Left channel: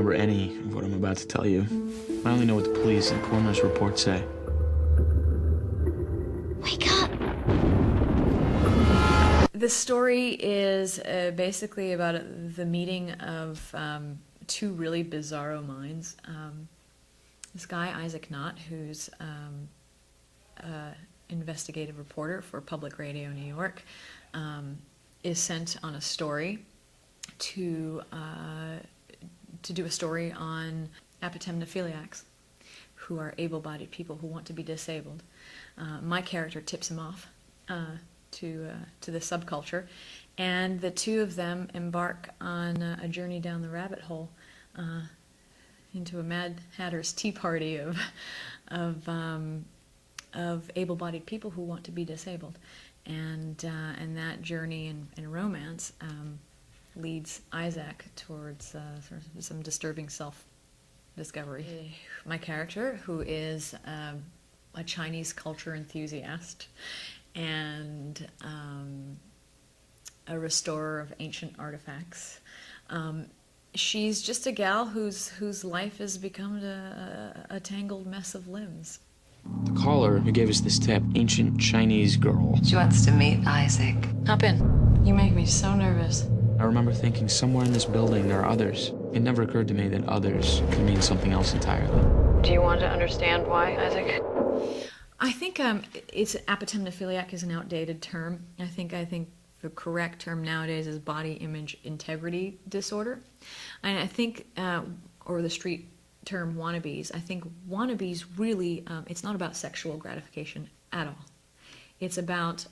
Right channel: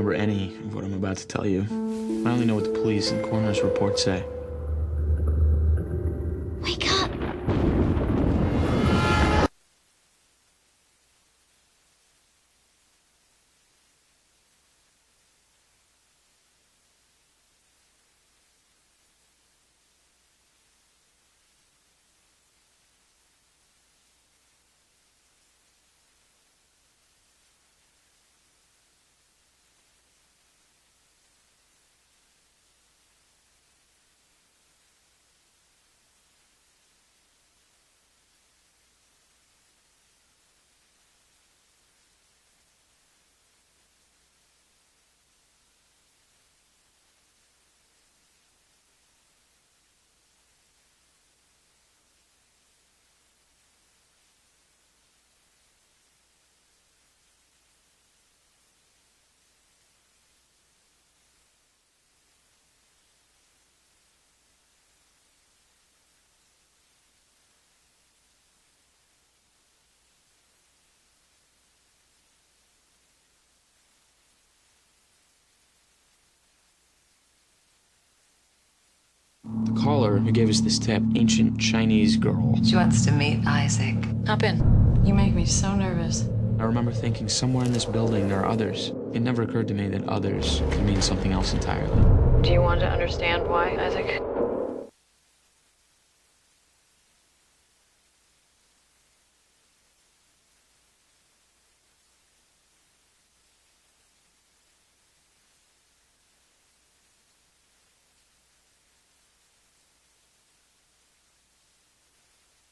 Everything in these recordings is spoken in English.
remember any of what I'm about to tell you. I only know what the police and coroner's reports say. Wake up! The story is basically about the meeting of two really bizarro minds. This guy, Isaac Knott, who's an investigative reporter for Public Radio New York, is sent on a story to do a story on apatemnophiliacs, who are able-bodied people who want to be disabled. My character tips him off to the subculture, and the two of them embark on a journey down the rabbit hole into a Mad Hatter's Tea Party of able-bodied people who want to be disabled, and that journey and romance leads Isaac towards sort of some disturbing self-discovery. My character, who is a Chinese culture enthusiast and a restorer of ancient artifacts. She's just a gal whose life has become a tangled mess of limbs. The caller who gave us this tip, ancient Chinese girl. She wants to meet Isaac. Hop in. You make me so nervous. I remember thinking somewhere in this building there are others. It never occurred to me that others could mean something else entirely. Do you want to understand why, Isaac? I think it's apatemnophiliac is an outdated term. I think the correct term nowadays is body image integrity disorder. And I think, or the street term wannabes, I think wannabes really, it's not about sexual gratification at all. It's about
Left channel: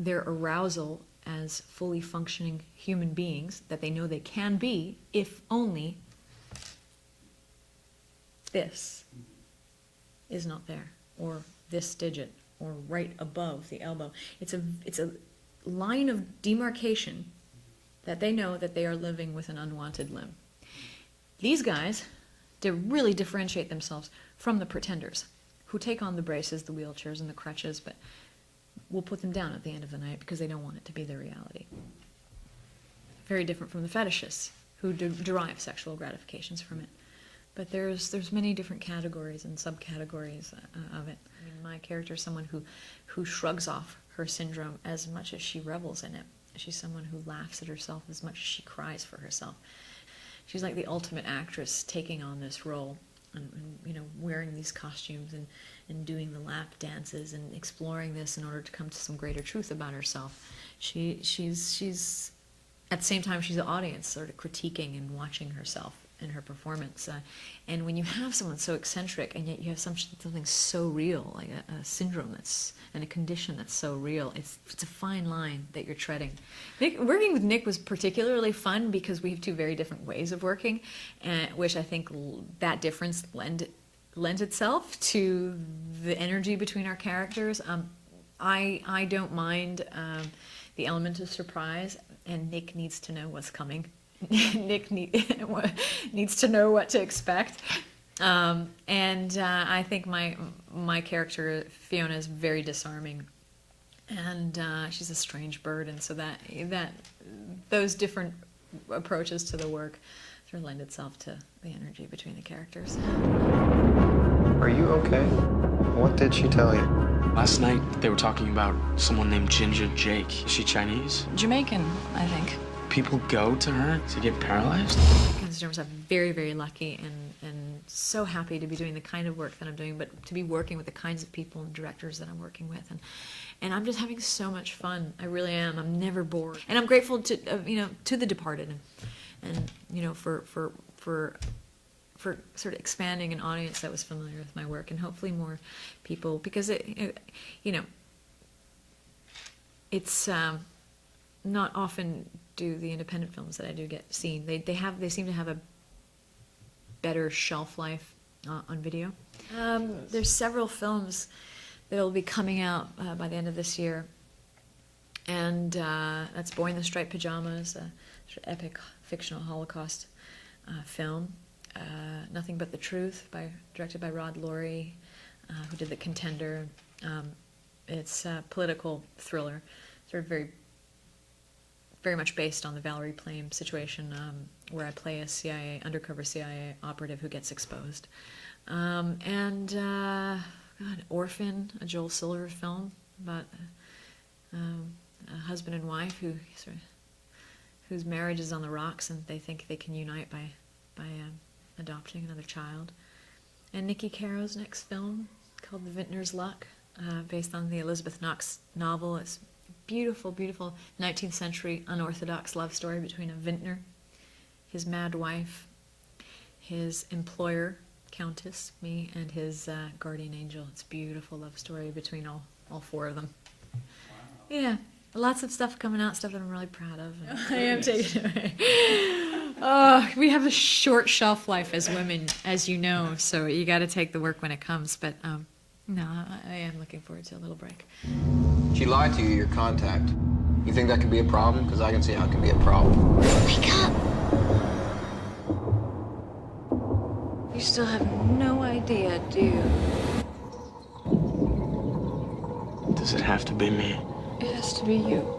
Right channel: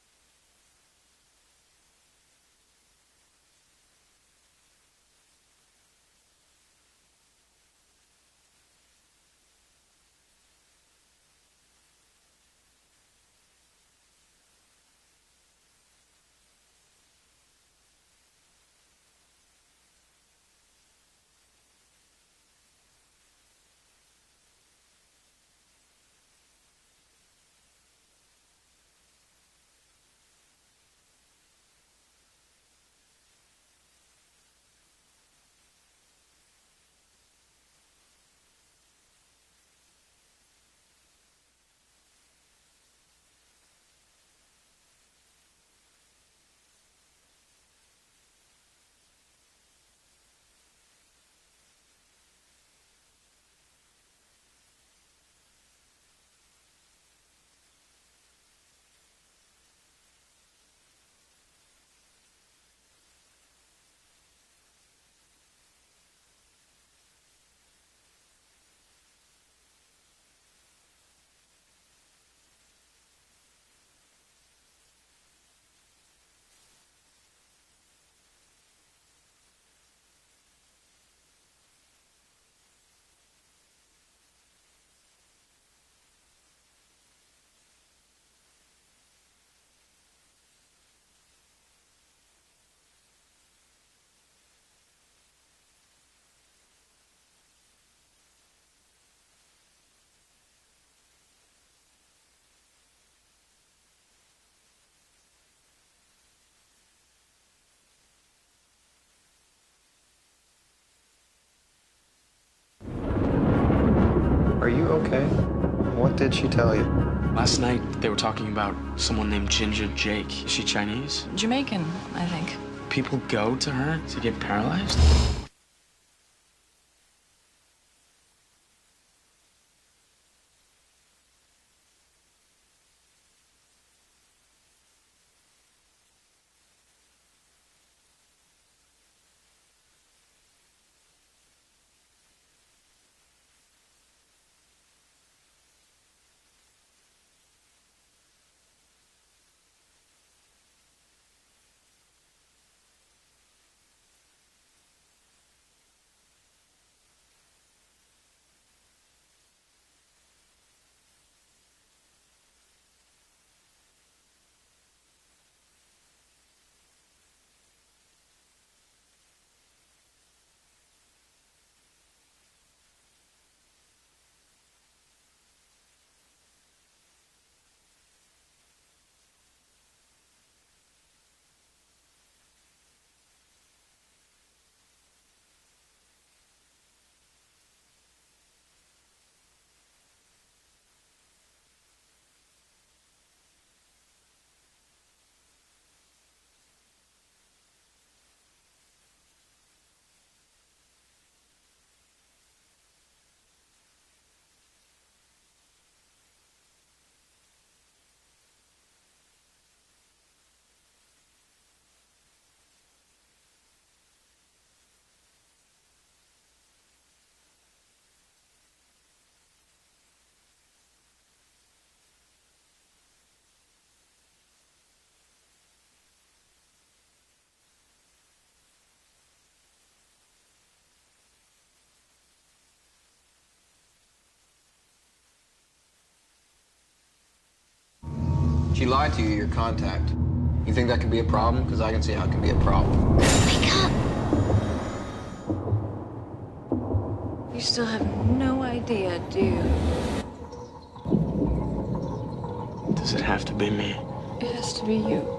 their arousal as fully functioning human beings that they know they can be if only this is not there, or this digit, or right above the elbow. It's a line of demarcation that they know that they are living with an unwanted limb. These guys, they really differentiate themselves from the pretenders, who take on the braces, the wheelchairs, and the crutches, but will put them down at the end of the night because they don't want it to be their reality. Very different from the fetishists, who derive sexual gratifications from it. But there's many different categories and subcategories of it. I mean, my character is someone who shrugs off her syndrome as much as she revels in it. She's someone who laughs at herself as much as she cries for herself. She's like the ultimate actress taking on this role, and wearing these costumes and doing the lap dances and exploring this in order to come to some greater truth about herself. She's at the same time she's the audience, sort of critiquing and watching herself in her performance. And when you have someone so eccentric and yet you have something so real, like a syndrome and a condition that's so real, it's a fine line that you're treading. Working with Nick was particularly fun because we have two very different ways of working, which I think that difference lends itself to the energy between our characters. I don't mind the element of surprise, and Nick needs to know what's coming. Nick needs to know what to expect, and I think my character Fiona is very disarming, and she's a strange bird, and so that those different approaches to the work sort of lend itself to the energy between the characters. Are you okay? What did she tell you? Last night they were talking about someone named Ginger Jake. Is she Chinese? Jamaican, I think. People go to her to get paralyzed? I'm very, very lucky and so happy to be doing the kind of work that I'm doing, but to be working with the kinds of people and directors that I'm working with, and I'm just having so much fun. I really am. I'm never bored, and I'm grateful to to The Departed, and for sort of expanding an audience that was familiar with my work, and hopefully more people, because it's not often do the independent films that I do get seen. They seem to have a better shelf life on video. There's several films that will be coming out by the end of this year, and that's Boy in the Striped Pajamas, a sort of epic fictional Holocaust film. Nothing But the Truth, directed by Rod Laurie, who did The Contender. It's a political thriller, sort of very very much based on the Valerie Plame situation, where I play a undercover CIA operative who gets exposed. God, Orphan, a Joel Silver film about a husband and wife whose marriage is on the rocks, and they think they can unite by adopting another child. And Nikki Caro's next film, called The Vintner's Luck, based on the Elizabeth Knox novel. It's beautiful, beautiful 19th century unorthodox love story between a vintner, his mad wife, his employer, Countess, me, and his guardian angel. It's a beautiful love story between all four of them. Wow. Yeah, lots of stuff coming out, stuff that I'm really proud of. I am taking it away. Oh, we have a short shelf life as women, as you know, so you got to take the work when it comes. But no, I am looking forward to a little break. She lied to you, your contact. You think that could be a problem? Because I can see how it can be a problem. Wake up! You still have no idea, do you? Does it have to be me? It has to be you.